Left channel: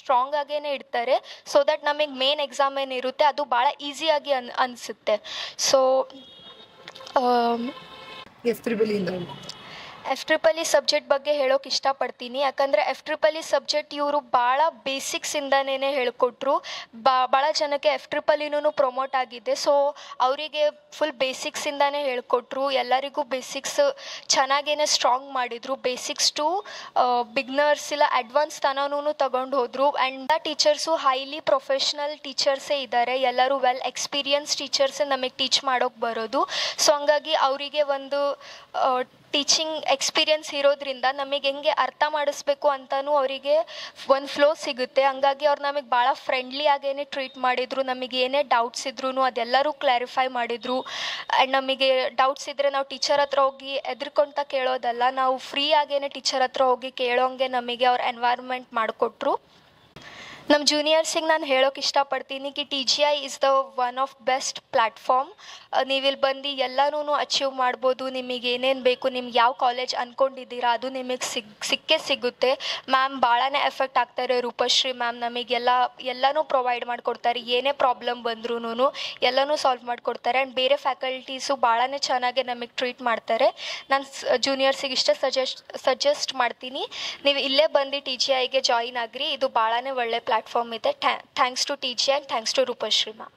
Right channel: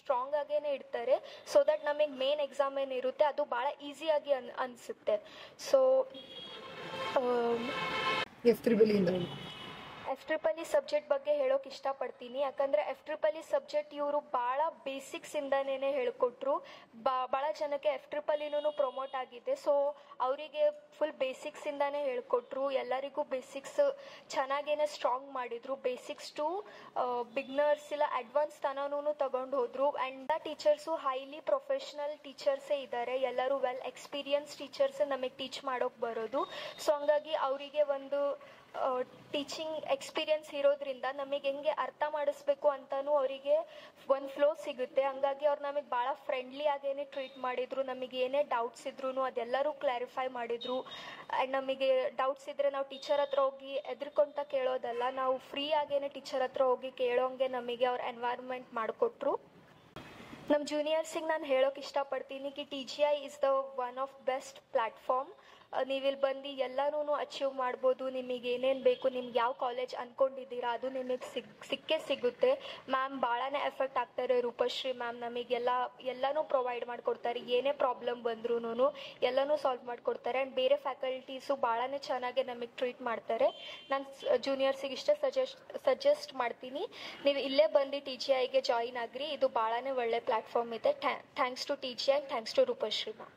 Strong ಆಗೇನೆ ಇಡ್ತಾರೆ, so that ನಮಗೆ main exam ಏನಿರುತ್ತೆ ಅದು ಭಾಳ ಈಸಿಯಾಗಿ ಅನಿಸುತ್ತೆ. ಸೊ F-EE ಸಬ್ಜೆಕ್ಟ್ ಬಗ್ಗೆ ಹೇಳೋಕೆ ಇಷ್ಟಪಡ್ತೀನಿ. ಯಾಕಂದರೆ F-EE ಸಬ್ಜೆಕ್ಟ್ ಇವರು ಭಾಳ ಬೇಸಿಕ್ಸಿಂದನೇ ಹೇಳಿಕೊಟ್ರು. ಭಾಳ ಜನಕ್ಕೆ F-EEನೂ ಪ್ರಮೋಟ್ ಆಗಿದೆ. ಸೊ ಅವರಿಗೆ ಫುಲ್ ಬೇಸಿಕ್ಸಿಂದನೇ ಹೇಳಿಕೊಟ್ರು. ಎಲ್ಲರಿಗೂ ಬೇಸಿಕ್ಸ್ ಚೆನ್ನಾಗೇ ಸ್ಟ್ರಾಂಗ್ ಮಾಡಿದರು. ಬೇಸಿಕ್ಸ್ ಟು ಬಿಗ್ನರ್ಸ್ ಇಲ್ಲ ಅಡ್ವಾನ್ಸ್ ತನೂ ತಗೊಂಡು ಹೋದರು. ಆ್ಯಂಡ್ ಟೀಚರ್ಸು ಹೈಲಿ ಪ್ರೊಫೆಷ್ನಲ್ ಟೀಚರ್ಸೇ ಇದ್ದಾರೆ. ಎಲ್ಲರೂ ವೆಲ್ ಎಕ್ಸ್ಪೀರಿಯನ್ಸ್ ಟೀಚರ್ಸೇ ನಮಗೆ ಟೀಚ್ ಮಾಡೋಕ್ಕೆ ಬರೋದು. ಸೊ ಹಂಗಾಗಿ ಅವರಿಗೆ ಒಂದು ಟೀಚಿಂಗ್ ಎಕ್ಸ್ಪೀರಿಯನ್ಸ್ ಇರೋದ್ರಿಂದ ನಮಗೆ ಹೆಂಗೆ ಅರ್ಥ ಮಾಡಿಸ್ಬೇಕು ಅಂತಲೂ ಅವರಿಗೆ ಒಂದು ಫ್ಲೋ ಸಿಗುತ್ತೆ. ಹಂಗಾಗಿ ಅವ್ರು ನಮಗೆ ಭಾಳ ಫ್ರೆಂಡ್ಲಿ ಆಗೇ ಟ್ರೀಟ್ ಮಾಡಿದರು. ನಮಗೆ ಏನೇ ಡೌಟ್ಸ್ ಇದ್ರೂ ಅದೆಲ್ಲರೂ ಕ್ಲಾರಿಫೈ ಮಾಡಿದರು. ಆ್ಯಂಡ್ ನಮಗೆ ಡೌಟ್ಸ್ ಇದ್ದರೆ ನಾವು ಟೀಚರ್ ಹತ್ರ ಹೋಗಿ ಎದ್ರುಕೊಂತ ಕೇಳೋದಲ್ಲ, ನಾವು ಫ್ರೀ ಆಗೇ ಟೀಚರ್ ಹತ್ರ ಹೋಗಿ ಕೇಳೋಂಗೆ ನಮಗೆ ಅವ್ರು ಎನ್ವೈರ್ಮೆಂಟ್ ಮಾಡಿಕೊಟ್ರು. ನಮ್ಮ ಜೂನಿಯರ್ಸಿಗೆ ನಾನು ಹೇಳೋಕೆ ಇಷ್ಟಪಡ್ತೀನಿ ಕಿ TGI is the one of best platform. ನೀವಿಲ್ಲಿ ಬಂದು ಎಲ್ಲನೂ ಅಚೀವ್ ಮಾಡ್ಬೋದು. ನಿಮಗೆ ಏನೇನು ಬೇಕು, ನಿಮ್ಗೆ ಯಾವ ಕಾಲೇಜ್ ಅಂದ್ಕೊಂಡಿದ್ದೀರಾ ಅದು ನಿಮಗೆ ಸಿಕ್ಕೇ ಸಿಗುತ್ತೆ. ಮ್ಯಾಮ್ ಭಾಳನೇ ಎಫೆಕ್ಟ್ ಆಗ್ತಾರೆ. ರೂಪಶ್ರೀ ಮ್ಯಾಮ್ ಎಲ್ಲನೂ ಪ್ರೊವೈಡ್ ಮಾಡಿಕೊಡ್ತಾರೆ. ಏನೇ ಪ್ರಾಬ್ಲಮ್ ಬಂದ್ರೂ ಎಲ್ಲನೂ ಸಾಲ್ವ್ ಮಾಡಿಕೊಡ್ತಾರೆ. ಆ್ಯಂಡ್ ಬೇರೆ ಫ್ಯಾಕಲ್ಟೀಸು ಭಾಳನೇ ಚೆನ್ನಾಗಿ ನಮಗೆ ಟ್ರೀಟ್ ಮಾಡ್ತಾರೆ. ನಾನು ಜೂನಿಯರ್ಸಿಗೆ ಇಷ್ಟೇ ಸಜೆಸ್ಟ್ ಮಾಡ್ತೀನಿ, ನೀವು ಇಲ್ಲೇ ಬಂದು TGIಗೆ ಜಾಯಿನ್ ಆಗಿರಿ. ಇದು ಭಾಳನೇ ಒಳ್ಳೆ ಪ್ಲ್ಯಾಟ್ಫಾರ್ಮ್ ಇದೆ. Thanks to TGI and thanks to Rupashree ma'am.